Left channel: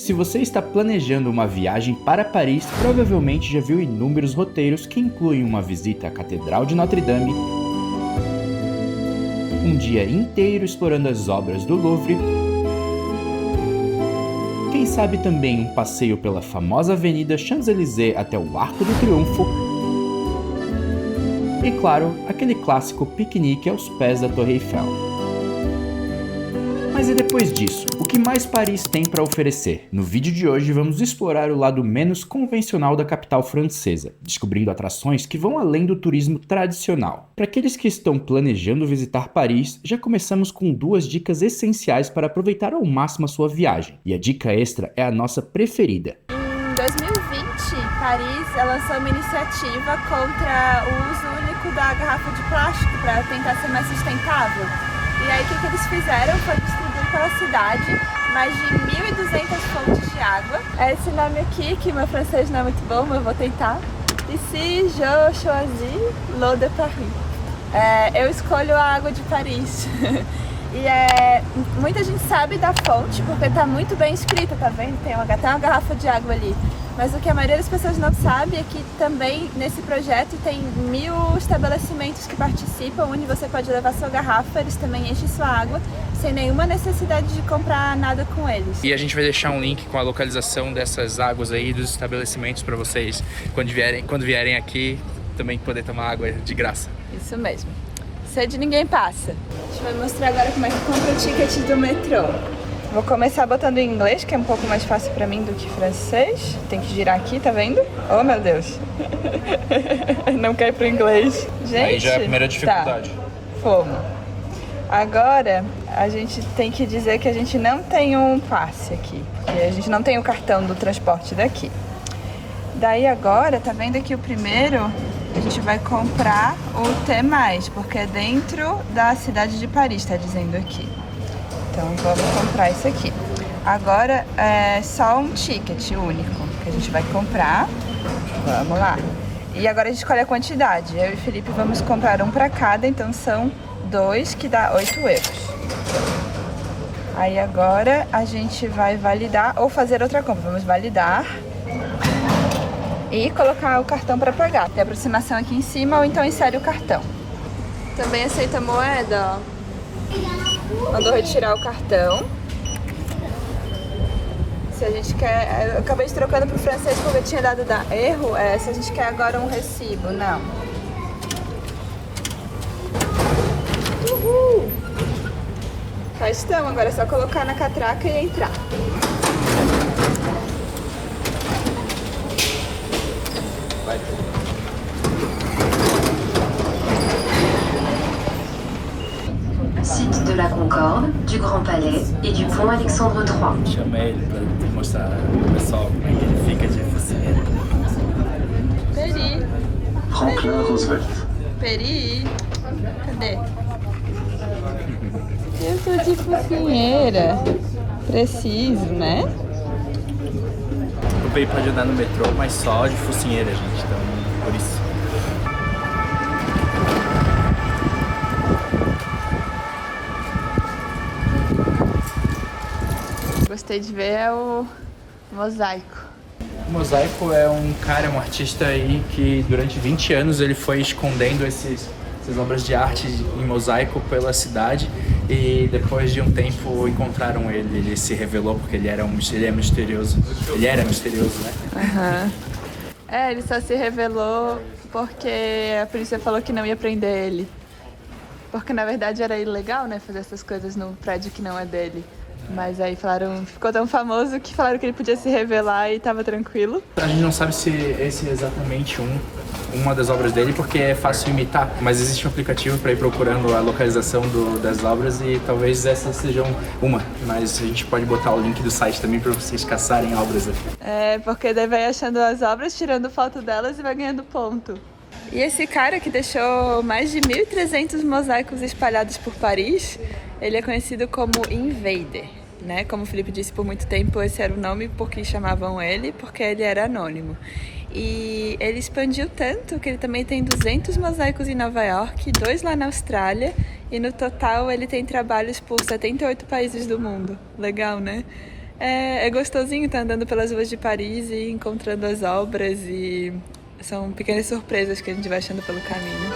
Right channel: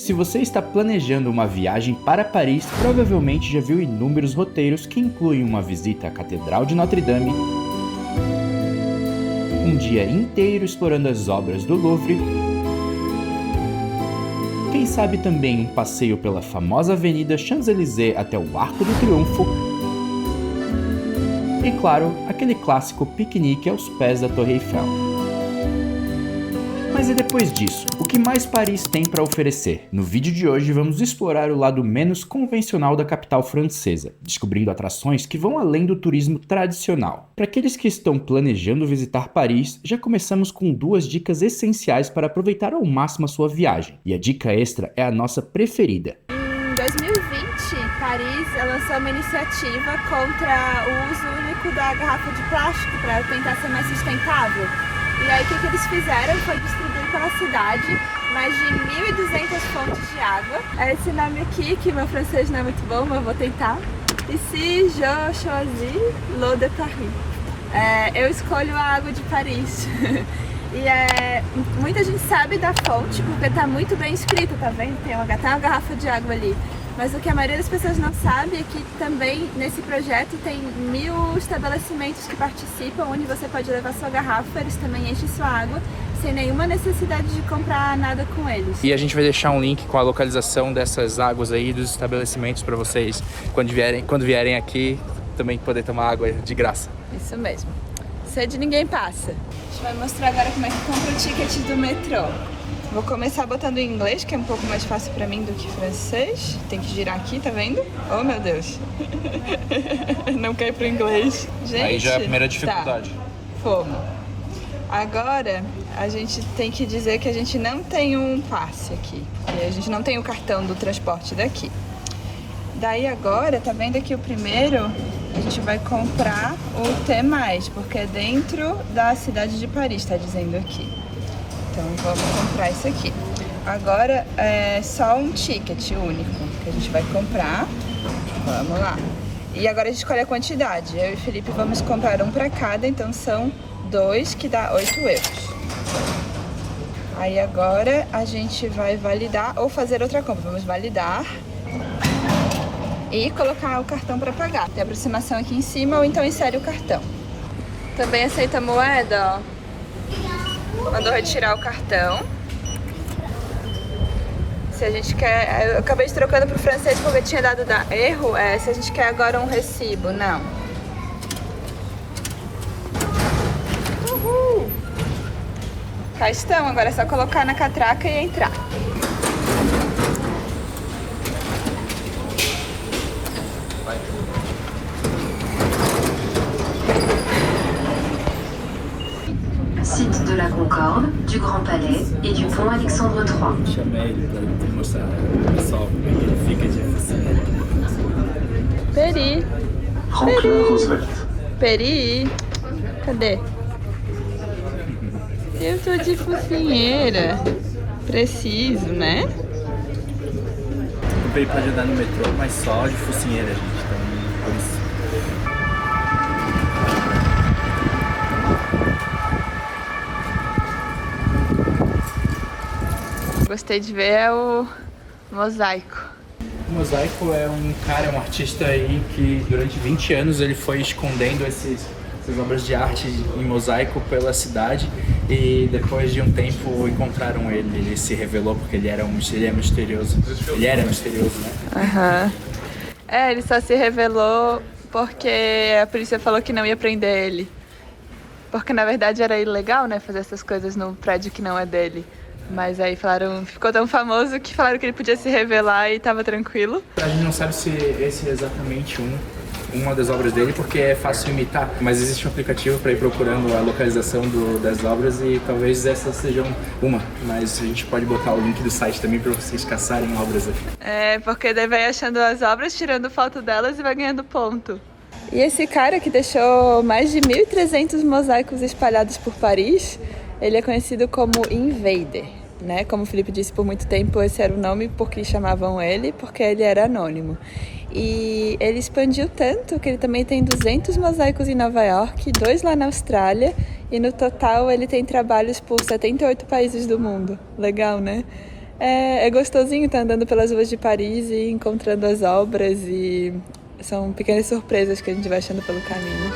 Se você está planejando uma viagem para Paris, provavelmente já viu inúmeros roteiros que incluem uma visita à Catedral de Notre-Dame, um dia inteiro explorando as obras do Louvre, quem sabe também um passeio pela famosa Avenida Champs-Élysées até o Arco do Triunfo e, claro, aquele clássico piquenique aos pés da Torre Eiffel. Mas e depois disso? O que mais Paris tem para oferecer? No vídeo de hoje vamos explorar o lado menos convencional da capital francesa, descobrindo atrações que vão além do turismo tradicional. Para aqueles que estão planejando visitar Paris, já começamos com 2 dicas essenciais para aproveitar ao máximo a sua viagem. E a dica extra é a nossa preferida. Em 2020, Paris lançou uma iniciativa contra o uso único da garrafa de plástico para tentar ser mais sustentável. E aí o que eles fizeram foi distribuir pela cidade mais de 1.200 fontes de água. Esse nome aqui, que meu francês não é muito bom, mas eu vou tentar. Ici, je choisis l'eau de Paris. Eu escolho a água de Paris. E muita gente sabe da fonte, porque está muito bem escrita, tá vendo? Tem até uma garrafa de água ali. Mas o que a maioria das pessoas não sabe é que também nesse projeto tem 1.000 estabelecimentos que participam, onde você pode levar sua garrafa, eles também enchem sua água, sem nenhuma necessidade de comprar nada com eles. E a gente vai deixar um link com a localização dessas águas aí, dos estabelecimentos, para vocês, quando vierem aqui, também poder tomar água de graça. Isso mesmo. Sede ninguém passa. A gente vai mostrar agora como é que compra o ticket do metrô. Vou começar botando em inglês, que é um pouco mais fácil pra mim do que francês. Tem que girar aqui, tá vendo? Oh, meu Deus. Não quer ir pro inglês. Gente, Aí já é a primeira dificuldade. Tá. Fomos. Agora, a gente tem que dizer que a gente não tem um passe aqui. Porque a gente não tem o cartão do transporte daqui. Daí agora, tá vendo aqui o primeiro? A gente vai comprar o T+, porque é dentro da cidade de Paris, tá dizendo aqui. Então vamos comprar isso aqui. Agora é só um ticket único que a gente vai comprar. Vamos lá. E agora a gente escolhe a quantidade. Eu e o Felipe vamos comprar um para cada, então são 2, que dá 8 euros. Aí agora a gente vai validar ou fazer outra compra. Vamos validar e colocar o cartão para pagar. Tem aproximação aqui em cima ou então insere o cartão. Também aceita moeda, ó. Mandou retirar o cartão. Se a gente quer... Eu acabei de trocando pro francês porque tinha dado erro. Se a gente quer agora um recibo, não. Uhul! Cá estão, agora é só colocar na catraca e entrar. Site de la Concorde, du Grand Palais et du Pont Alexandre III. Chamei ele pra mostrar pro pessoal como é que ele fica de focinheira. Peri. Franklin Roosevelt. Peri. Cadê? Eu tô de focinheira. Preciso, né? O Peri pode andar no metrô, mas só de focinheira, gente. Então, por isso. Gostei de ver é o mosaico. O Mosaico é um artista aí que durante 20 anos ele foi escondendo essas obras de arte em mosaico pela cidade e depois de um tempo encontraram ele. Ele se revelou porque ele é misterioso. Ele era misterioso, né? Aham. Ele só se revelou porque a polícia falou que não ia prender ele. Porque na verdade era ilegal, né, fazer essas coisas no prédio que não é dele. Mas aí falaram, ficou tão famoso que falaram que ele podia se revelar e tava tranquilo. A gente não sabe se esse é exatamente uma das obras dele, porque é fácil imitar. Mas existe um aplicativo para ir procurando a localização das obras e talvez essa seja uma. Mas a gente pode botar o link do site também para vocês caçarem obras aqui. Porque daí vai achando as obras, tirando foto delas e vai ganhando ponto. E esse cara que deixou mais de 1.300 mosaicos espalhados por Paris, ele é conhecido como Invader. Né? Como o Felipe disse, por muito tempo esse era o nome porque chamavam ele, porque ele era anônimo. E ele expandiu tanto que ele também tem 200 mosaicos em Nova York, 2 lá na Austrália, e no total ele tem trabalhos por 78 países do mundo. Legal, né? É gostosinho estar andando pelas ruas de Paris e encontrando as obras, e são pequenas surpresas que a gente vai achando pelo caminho.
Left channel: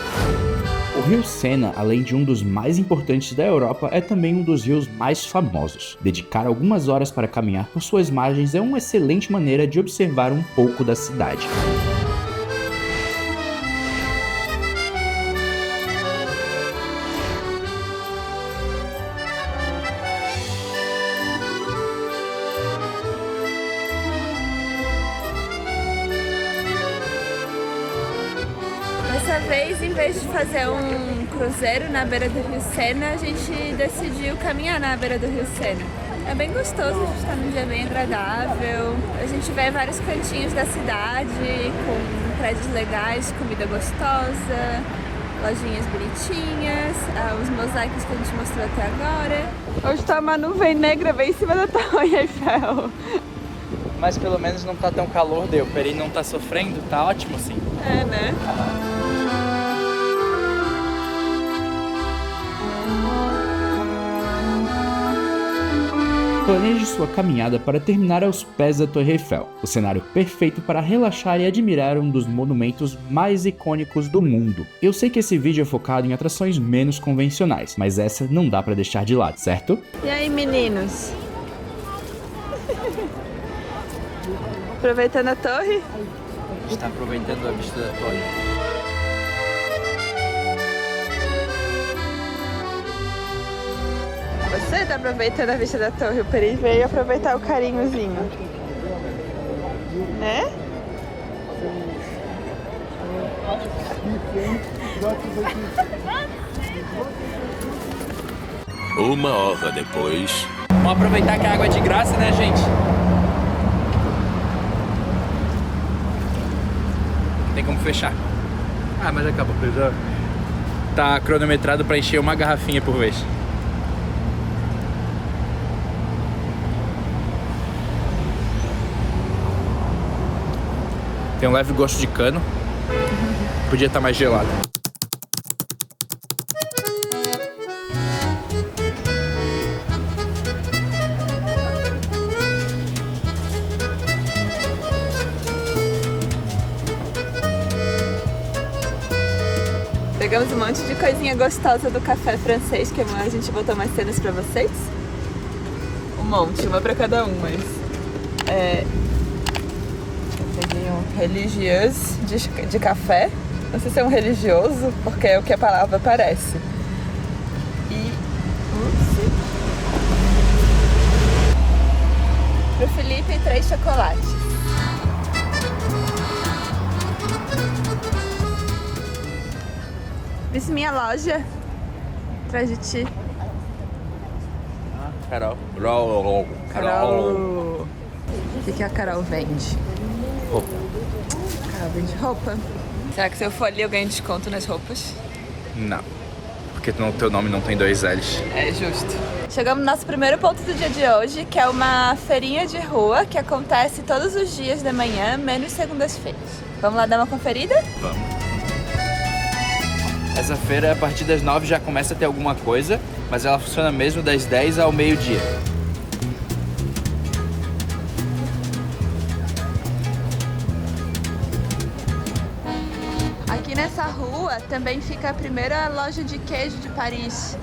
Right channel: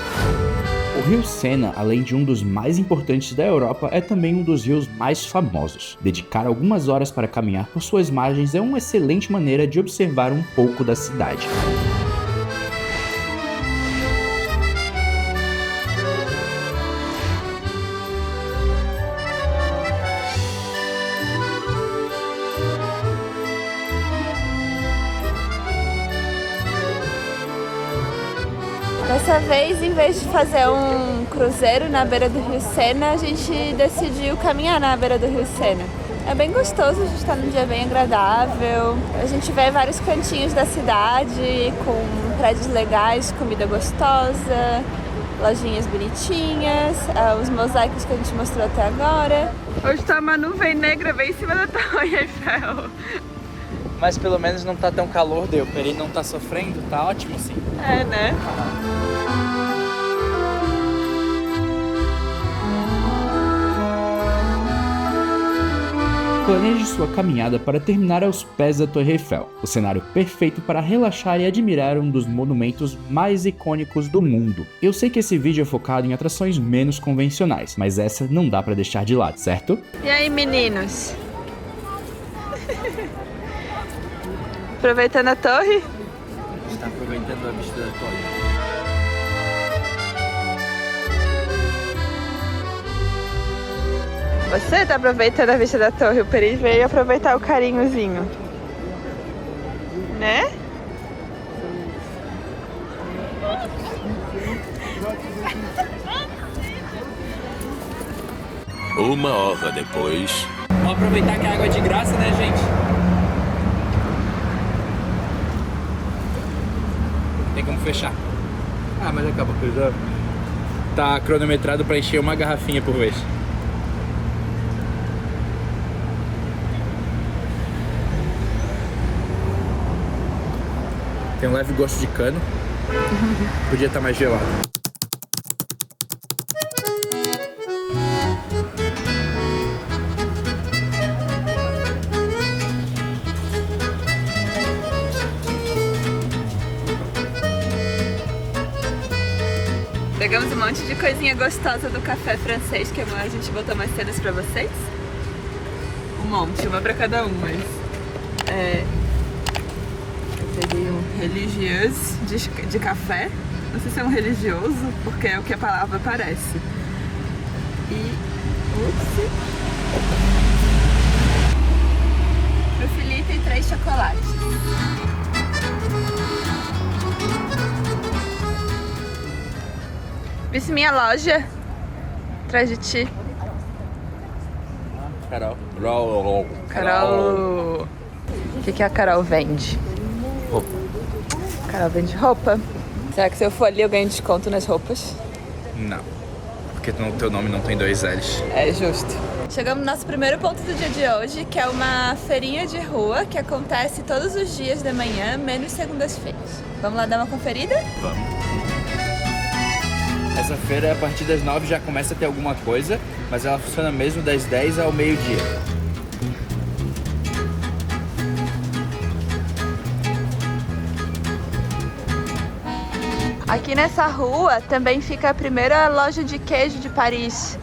O rio Sena, além de um dos mais importantes da Europa, é também um dos rios mais famosos. Dedicar algumas horas para caminhar por suas margens é uma excelente maneira de observar um pouco da cidade. Dessa vez, em vez de fazer um cruzeiro na beira do rio Sena, a gente decidiu caminhar na beira do rio Sena. É bem gostoso, a gente está num dia bem agradável. A gente vê vários cantinhos da cidade com prédios legais, comida gostosa, lojinhas bonitinhas, os mosaicos que a gente mostrou até agora. Hoje tá uma nuvem negra bem em cima da Torre Eiffel. Mas pelo menos não tá tão calor, o Peri não tá sofrendo, tá ótimo sim. É, né? Planeje sua caminhada para terminar aos pés da Torre Eiffel, o cenário perfeito para relaxar e admirar um dos monumentos mais icônicos do mundo. Eu sei que esse vídeo é focado em atrações menos convencionais, mas essa não dá para deixar de lado, certo? E aí, meninos? Aproveitando a torre? A gente tá aproveitando a vista da torre. Você tá aproveitando a vista da torre, o Peri veio aproveitar o carinhozinho. Né? Uma hora depois. Vamos aproveitar que a água é de graça, né, gente? Tem como fechar. Ah, mas acabou. Tá cronometrado pra encher uma garrafinha por vez. Tem um leve gosto de cano. Podia estar mais gelado. Pegamos um monte de coisinha gostosa do café francês, que a gente botou mais cenas pra vocês. Um monte, uma pra cada um, mas... Peguei um religioso de café. Não sei se é um religioso, porque é o que a palavra parece. E... Ups! Pro Felipe, 3 chocolates. Visse minha loja atrás de ti. Carol. Carol. O que a Carol vende? Roupa. Carol vende roupa. Será que se eu for ali eu ganho desconto nas roupas? Não. Porque no teu nome não tem 2 L's. É justo. Chegamos no nosso primeiro ponto do dia de hoje, que é uma feirinha de rua que acontece todos os dias da manhã, menos segundas-feiras. Vamos lá dar uma conferida? Vamos. Essa feira, a partir das 9 já começa a ter alguma coisa, mas ela funciona mesmo das 10 ao meio-dia. Aqui nessa rua também fica a primeira loja de queijo de Paris.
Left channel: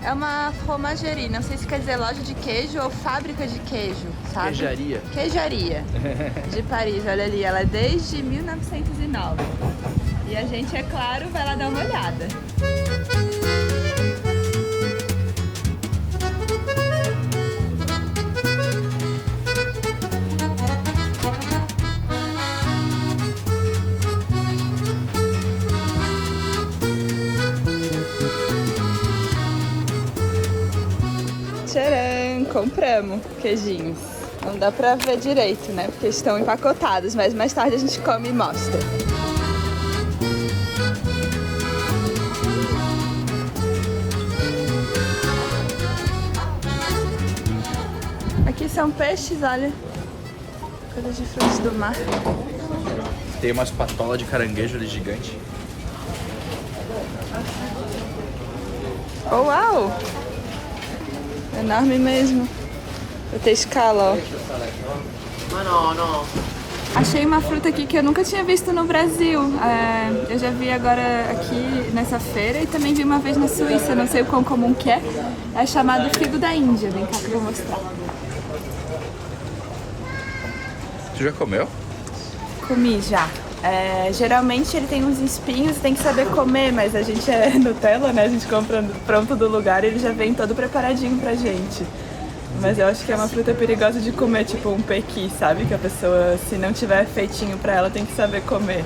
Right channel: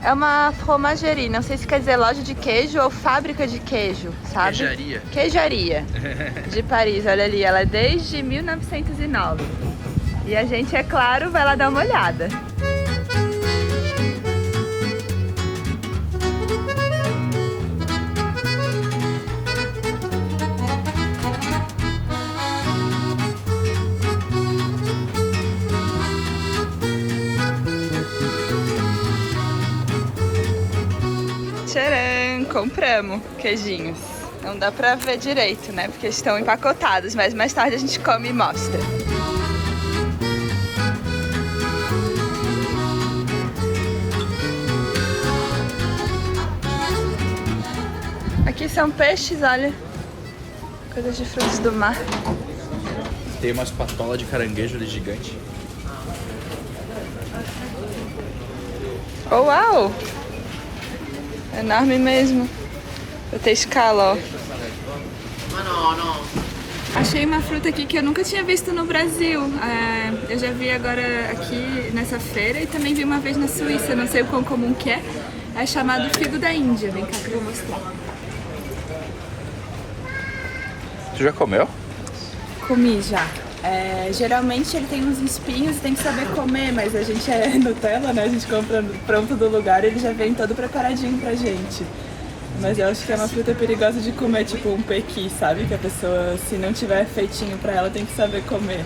É uma fromagerie, não sei se quer dizer loja de queijo ou fábrica de queijo, sabe? Queijaria. Queijaria de Paris, olha ali, ela é desde 1909. E a gente, é claro, vai lá dar uma olhada. Tcharam! Compramos queijinhos. Não dá pra ver direito, né? Porque estão empacotados, mas mais tarde a gente come e mostra. Aqui são peixes, olha. Coisas de frutos do mar. Tem umas patolas de caranguejo ali gigante. Oh, uau! Enorme mesmo. Vou ter escala, ó. Achei uma fruta aqui que eu nunca tinha visto no Brasil. Eu já vi agora aqui nessa feira e também vi uma vez na Suíça, não sei o quão comum que é. É chamado figo da Índia. Vem cá que eu vou mostrar. Tu já comeu? Comi já. Geralmente ele tem uns espinhos e tem que saber comer, mas a gente é Nutella, né? A gente compra pronto do lugar e ele já vem todo preparadinho pra gente. Mas eu acho que é uma fruta perigosa de comer, tipo um pequi, sabe? Que a pessoa, se não tiver feitinho pra ela, tem que saber comer.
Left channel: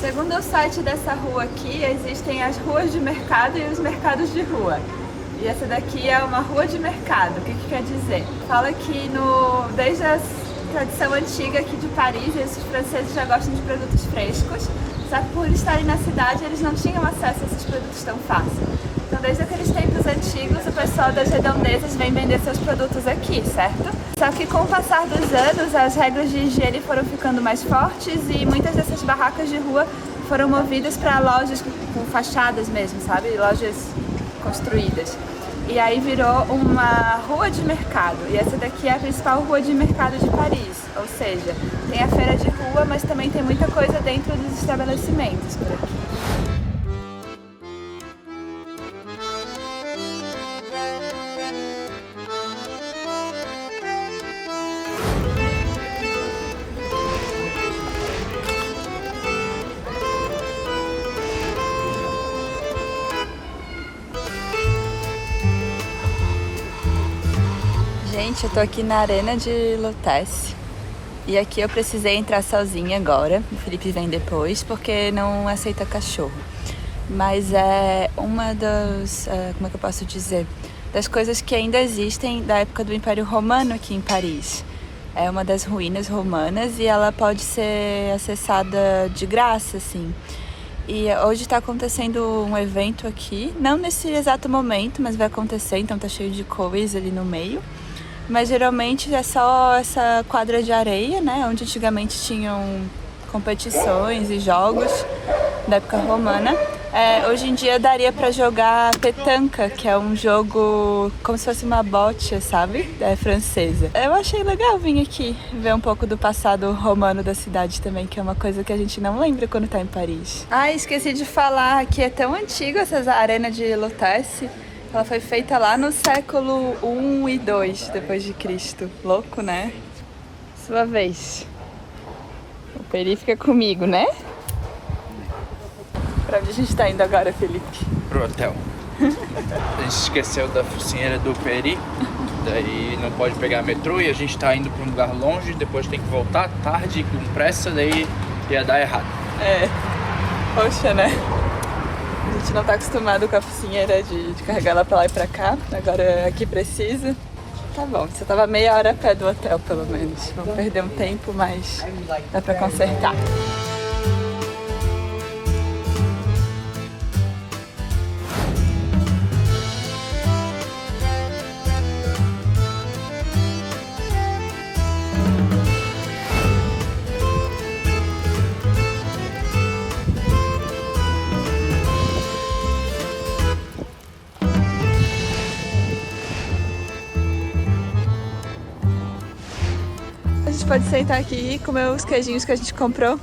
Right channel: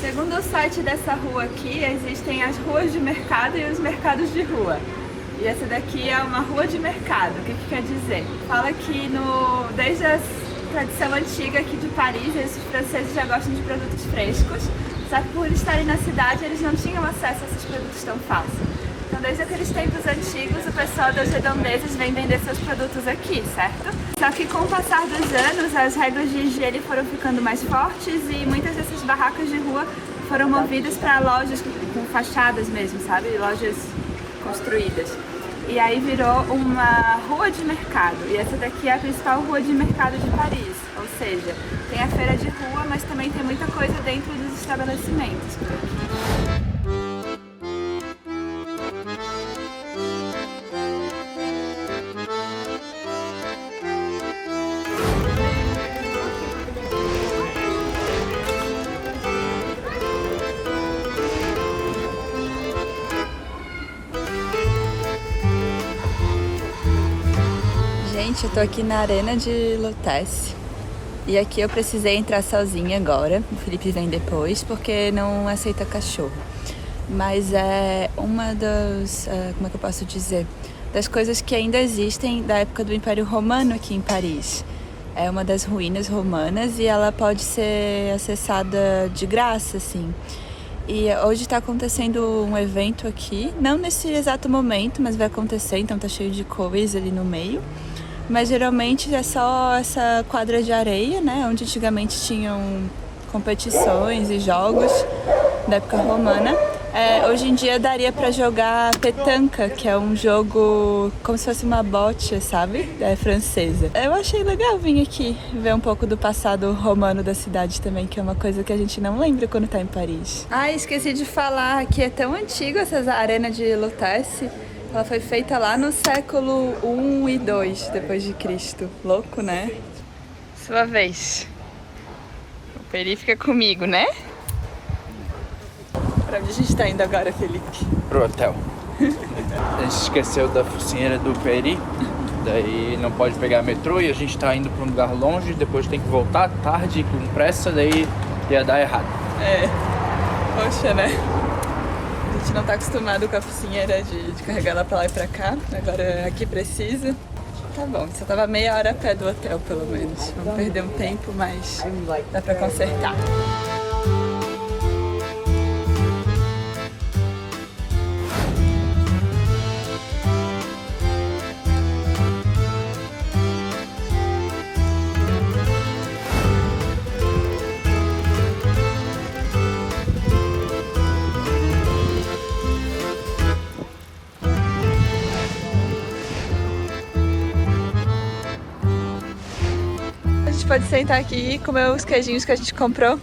Segundo o site dessa rua aqui, existem as ruas de mercado e os mercados de rua. E essa daqui é uma rua de mercado. O que quer dizer? Fala que desde a tradição antiga aqui de Paris, os franceses já gostam de produtos frescos. Só que por estarem na cidade, eles não tinham acesso a esses produtos tão fácil. Então, desde aqueles tempos antigos, o pessoal das redondezas vem vender seus produtos aqui, certo? Só que com o passar dos anos, as regras de higiene foram ficando mais fortes e muitas dessas barracas de rua foram movidas para lojas com fachadas mesmo, sabe? Lojas construídas. E aí virou uma rua de mercado. E essa daqui é a principal rua de mercado de Paris. Ou seja, tem a feira de rua, mas também tem muita coisa dentro dos estabelecimentos por aqui. Gente, eu tô aqui na Arena de Lutèce e aqui eu precisei entrar sozinha agora. O Felipe vem depois porque não aceita cachorro. Mas é uma das, como é que eu posso dizer, das coisas que ainda existem da época do Império Romano aqui em Paris. É uma das ruínas romanas e ela pode ser acessada de graça, assim. E hoje está acontecendo um evento aqui, não nesse exato momento, mas vai acontecer, então tá cheio de coisa ali no meio. Mas geralmente é só essa quadra de areia, né? Onde antigamente tinham competições e jogos da época romana. Hoje em dia daria pra jogar petanca, que é um jogo como se fosse uma bocha, sabe? Francesa. Eu achei legal vir aqui ver um pouco do passado romano da cidade também, que é uma coisa que a gente não lembra quando tá em Paris. Ah, esqueci de falar que é tão antiga essa arena de Lutèce. Ela foi feita lá no século I e II depois de Cristo. Louco, né? Sua vez. O Peri fica comigo, né? Pra onde a gente tá indo agora, Felipe? Pro hotel. A gente esqueceu da focinheira do Peri, daí não pode pegar metrô e a gente tá indo pra um lugar longe, depois tem que voltar tarde, com pressa, daí ia dar errado. Poxa, né? A gente não tá acostumado com a focinheira de carregar ela pra lá e pra cá. Agora aqui precisa. Tá bom, só tava meia hora a pé do hotel, pelo menos. Vamos perder um tempo, mas dá pra consertar. A gente pode sentar aqui e comer os queijinhos que a gente comprou.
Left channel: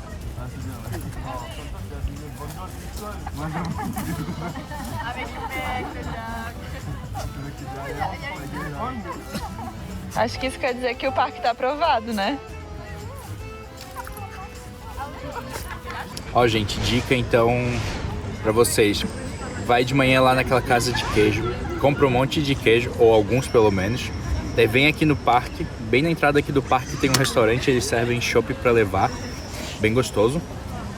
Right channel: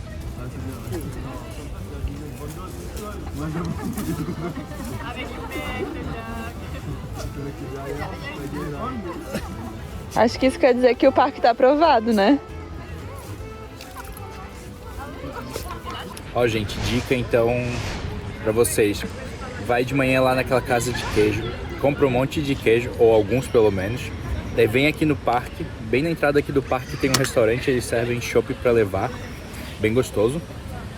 Acho que isso quer dizer que o parque tá aprovado, né? Ó, gente, dica então pra vocês. Vai de manhã lá naquela casa de queijo, compra um monte de queijo, ou alguns pelo menos. Daí vem aqui no parque, bem na entrada aqui do parque tem um restaurante, eles servem chopp pra levar, bem gostoso.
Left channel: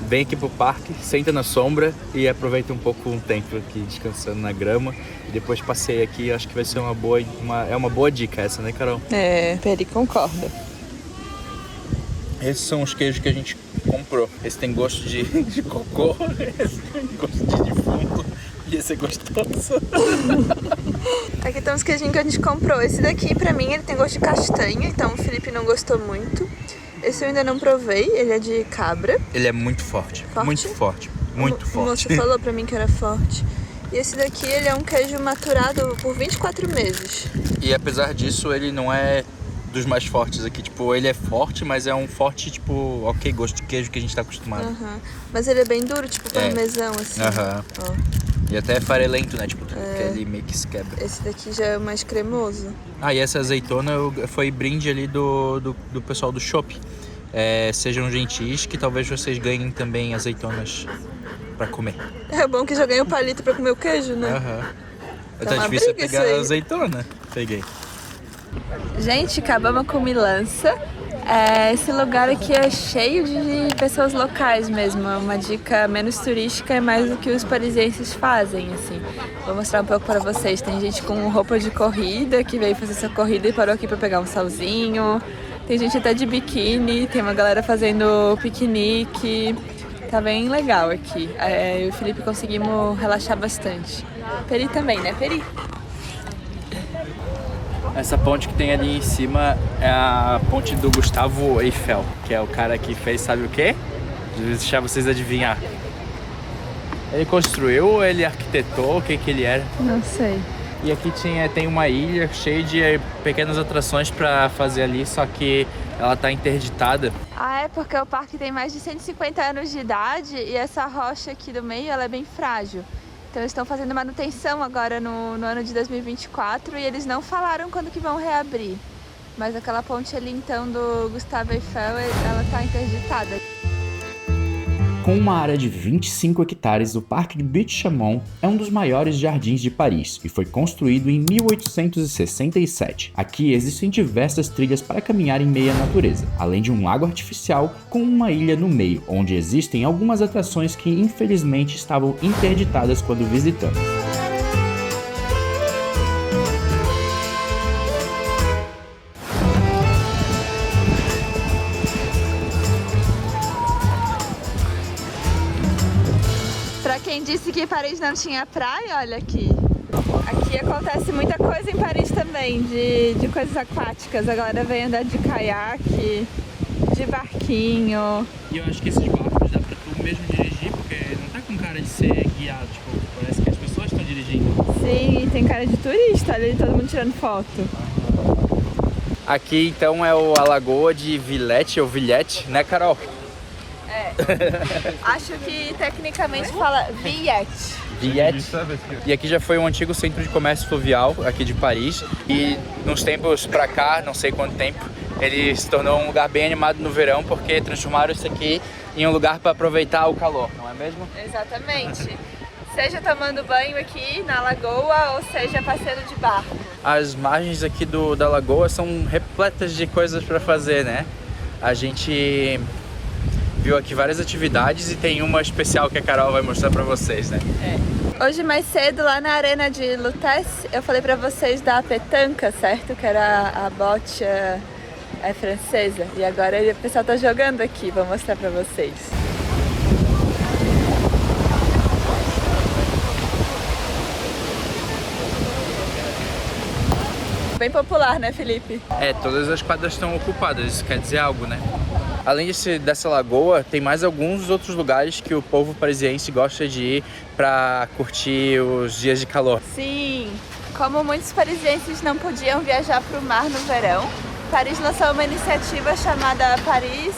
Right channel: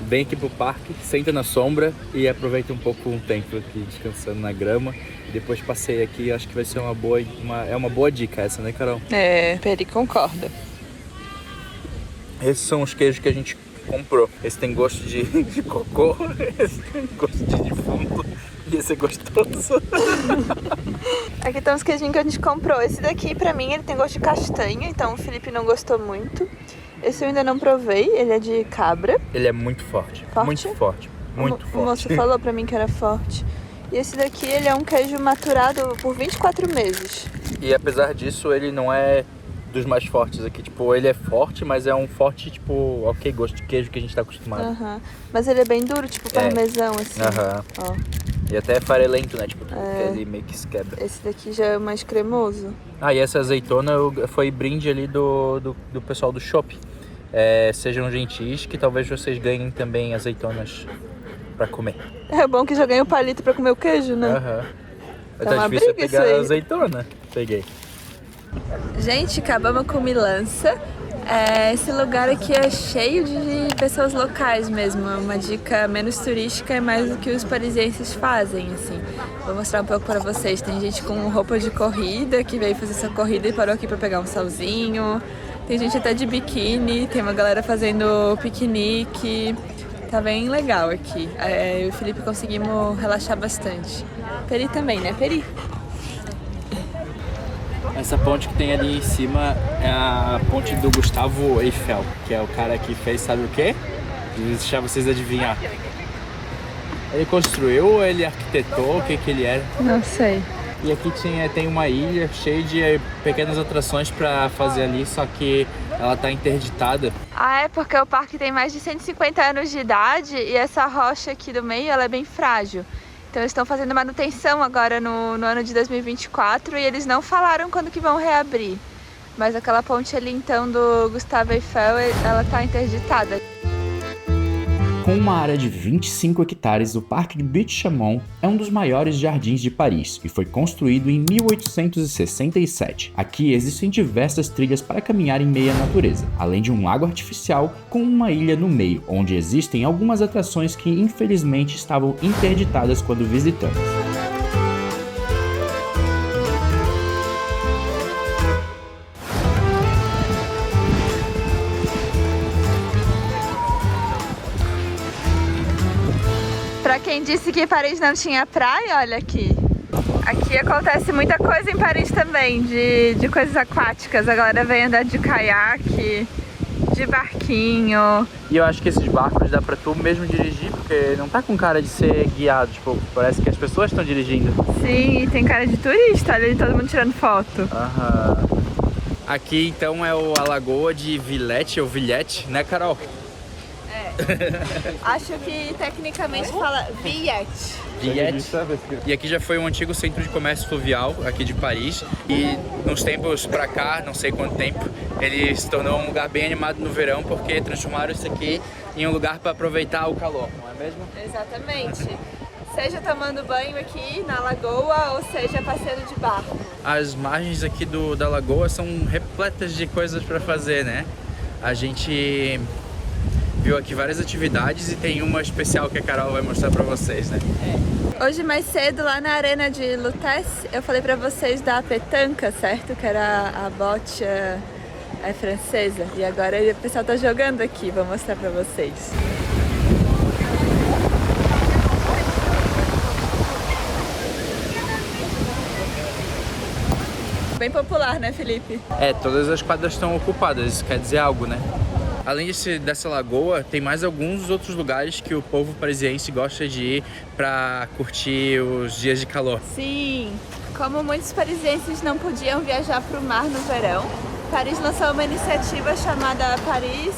Vem aqui pro parque, senta na sombra e aproveita um pouco um tempo aqui descansando na grama. E depois passeia aqui, acho que vai ser uma boa dica essa, né, Carol? Peri concorda. Esses são os queijos que a gente comprou. Esse tem gosto de cocô, esse tem gosto de defunto e esse é gostoso. Aqui estão os queijinhos que a gente comprou. Esse daqui, pra mim, ele tem gosto de castanha, então o Felipe não gostou muito. Esse eu ainda não provei, ele é de cabra. Ele é muito forte, muito forte, muito forte. O moço falou pra mim que era forte. E esse daqui, ele é um queijo maturado por 24 meses. E apesar disso, ele não é dos mais fortes aqui. Tipo, ele é forte, mas é um forte, tipo, ok, gosto de queijo que a gente tá acostumado. Aham. Mas ele é bem duro, tipo parmesão, assim. Aham. Ó. E até é farelento, né? Tipo, que ele meio que se quebra. Esse daqui já é mais cremoso. Ah, e essa azeitona foi brinde ali do pessoal do shopping. Sejam gentis, que talvez vocês ganhem também azeitonas pra comer. É bom que já ganhei o palito pra comer o queijo, né? Aham. Tá Tá uma difícil briga pegar isso aí. a azeitona. Peguei. Gente, acabamos com Milança. Esse lugar aqui é cheio de pessoas locais mesmo. É uma dica menos turística, é mais do que os parisienses fazem, assim. Vou mostrar um pouco para vocês. Tem gente com roupa de corrida que veio fazer sua corrida e parou aqui para pegar um solzinho. Tem gente até de biquíni, tem uma galera fazendo piquenique. Tá bem legal aqui. Eu e o Felipe conseguimos relaxar bastante. Peri também, né, Peri? Essa ponte que tem ali em cima é a ponte do Gustavo Eiffel, que é o cara que fez sabe o quê? Vou deixar vocês adivinhar. Ele construiu ou ele arquitetou? O que ele era? Não sei. E aqui tem uma ilha cheia de pequenas atrações pra fazer ali, só que ela tá interditada. É porque o parque tem mais de 150 anos de idade e essa rocha aqui do meio ela é bem frágil. Então eles estão fazendo manutenção agora no ano de 2024 e eles não falaram quando que vão reabrir. Mas aquela ponte ali então do Gustavo Eiffel, ela tá interditada. Com uma área de 25 hectares, o Parque de Butte-Chaumont é um dos maiores jardins de Paris e foi construído em 1867. Aqui existem diversas trilhas para caminhar em meio à natureza, além de um lago artificial com uma ilha no meio, onde existem algumas atrações que infelizmente estavam interditadas quando visitamos. Pra quem disse que Paris não tinha praia, olha aqui. Aqui acontece muita coisa em Paris também, de coisas aquáticas. A galera vem andar de caiaque, de barquinho. E eu acho que esses barcos dá pra tu mesmo dirigir, porque não tá com cara de ser guiado, tipo, parece que as pessoas estão dirigindo. Sim, e tem cara de turista, olha ali todo mundo tirando foto. Aham. Aqui então é a Lagoa de Villette, ou Villette, né, Carol? Acho que tecnicamente fala Villette. Villette. E aqui já foi um antigo centro de comércio fluvial aqui de Paris e nos tempos pra cá, não sei quanto tempo, ele se tornou um lugar bem animado no verão porque transformaram isso aqui em um lugar para aproveitar o calor, não é mesmo? Exatamente. Seja tomando banho aqui na lagoa ou seja passeando de barco. As margens aqui da lagoa são repletas de coisas para fazer, né? A gente viu aqui várias atividades e tem uma especial que a Carol vai mostrar pra vocês, né? Hoje mais cedo, lá na arena de Lutèce, eu falei pra vocês da petanca, certo? Que era a bote francesa. E agora o pessoal tá jogando aqui, vou mostrar pra vocês. Bem popular, né, Felipe? Todas as quadras estão ocupadas, isso quer dizer algo, né? Além dessa lagoa, tem mais alguns outros lugares que o povo parisiense gosta de ir para curtir os dias de calor. Sim, como muitos parisienses não podiam viajar para o mar no verão, Paris lançou uma iniciativa chamada Paris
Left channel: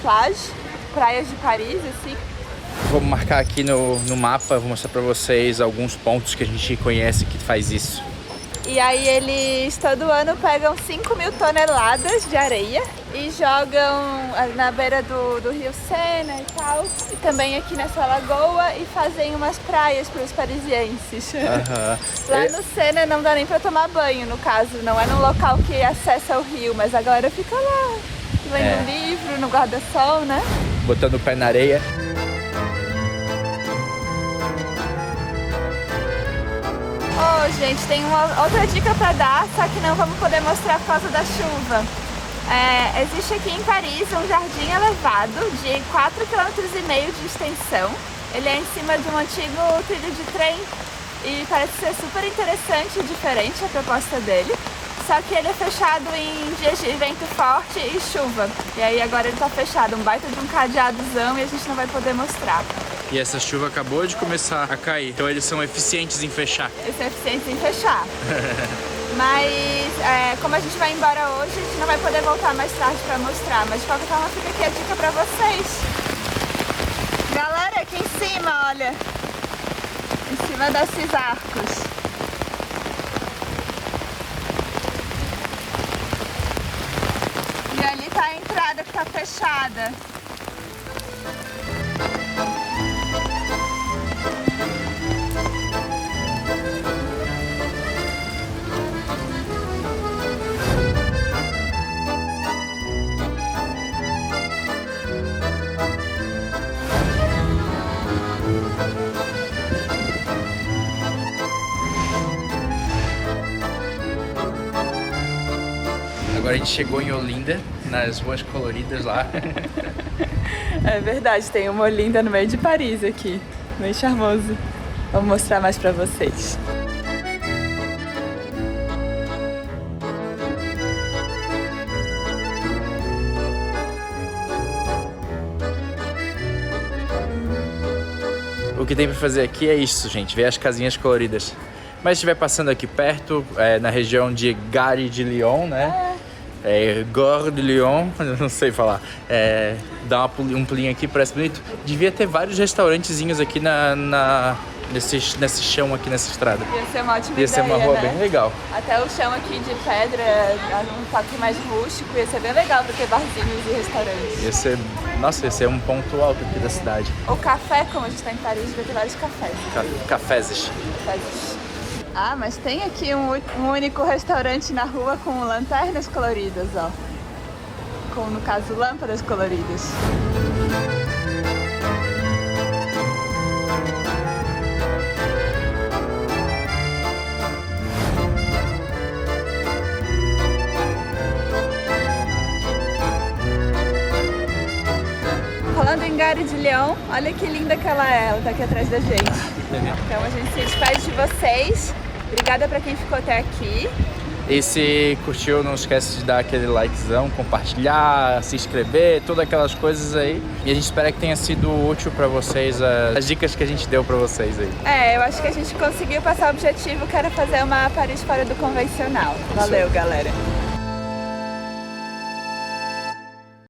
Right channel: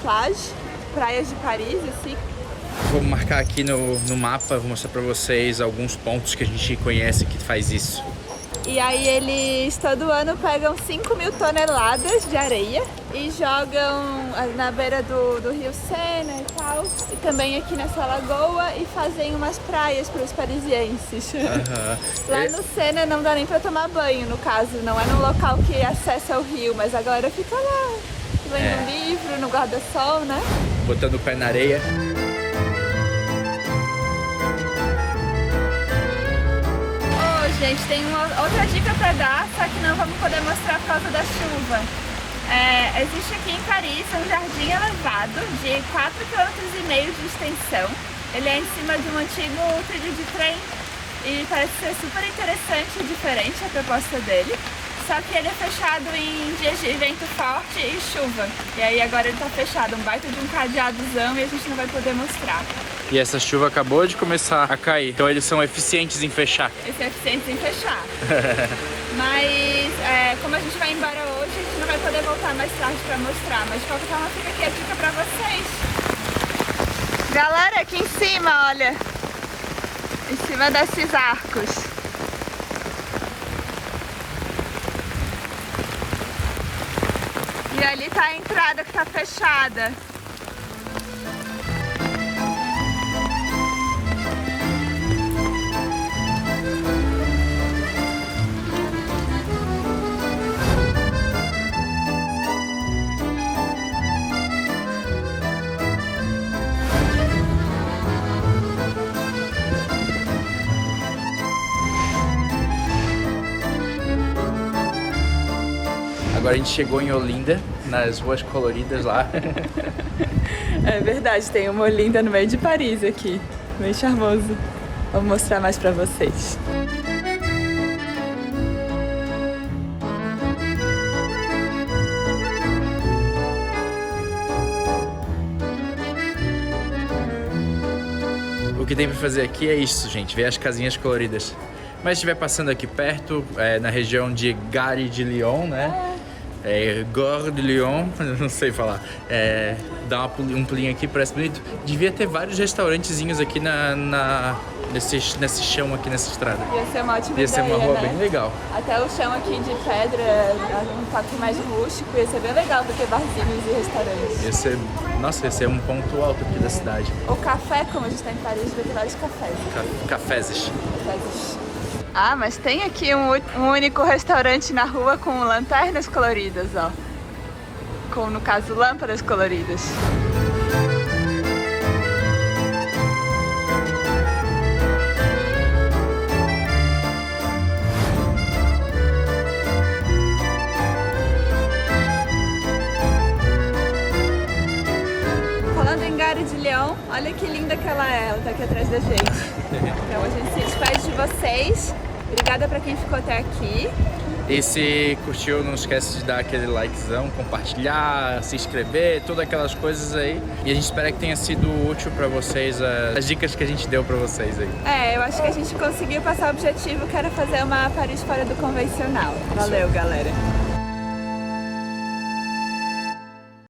Plage, Praias de Paris, assim. Vou marcar aqui no mapa, vou mostrar para vocês alguns pontos que a gente conhece que faz isso. E aí eles todo ano pegam 5.000 toneladas de areia e jogam na beira do rio Sena e tal, e também aqui nessa lagoa, e fazem umas praias para os parisienses. Lá no Sena não dá nem para tomar banho, no caso, não é num local que acessa o rio, mas a galera fica lá, lendo livro, no guarda-sol, né? Botando o pé na areia. Gente, tem outra dica para dar, só que não vamos poder mostrar por causa da chuva. Existe aqui em Paris um jardim elevado de 4,5 km de extensão. Ele é em cima de um antigo trilho de trem e parece ser super interessante e diferente a proposta dele. Só que ele é fechado em dias de vento forte e chuva. E aí agora ele tá fechado, um baita de um cadeadozão, e a gente não vai poder mostrar. E essa chuva acabou de começar a cair. Então eles são eficientes em fechar. Eles são eficientes em fechar. Mas como a gente vai embora hoje, a gente não vai poder voltar mais tarde pra mostrar. Mas de qualquer forma fica aqui a dica pra vocês. Galera, aqui em cima, olha. Em cima desses arcos. E ali tá a entrada que tá fechada. Agora a gente chegou em Olinda, nas ruas coloridas lá. É verdade, tem uma Olinda no meio de Paris aqui, bem charmoso. Vou mostrar mais pra vocês. O que tem pra fazer aqui é isso, gente, ver as casinhas coloridas. Mas se estiver passando aqui perto, na região de Gare de Lyon, né? Gare de Lyon, não sei falar. Dá um pulinho aqui, parece bonito. Devia ter vários restaurantezinhos aqui nesse chão aqui nessa estrada. Ia ser uma ótima Ia ser uma ideia, rua né? bem legal. Até o chão aqui de pedra, um toque mais rústico, ia ser bem legal pra ter barzinhos e restaurantes. Ia ser um ponto alto aqui da cidade. O café, como a gente tá em Paris, vai ter vários cafés. Caféses. Ah, mas tem aqui um único restaurante na rua com lanternas coloridas, ó. Com, no caso, lâmpadas coloridas. Falando em Gare de Lyon, olha que linda que ela é. Ela tá aqui atrás da gente. Então a gente se despede de vocês. Obrigada pra quem ficou até aqui. E se curtiu, não esquece de dar aquele likezão, compartilhar, se inscrever, todas aquelas coisas aí. E a gente espera que tenha sido útil pra vocês as dicas que a gente deu pra vocês aí. Eu acho que a gente conseguiu passar o objetivo, que era fazer uma Paris fora do convencional. Valeu, galera.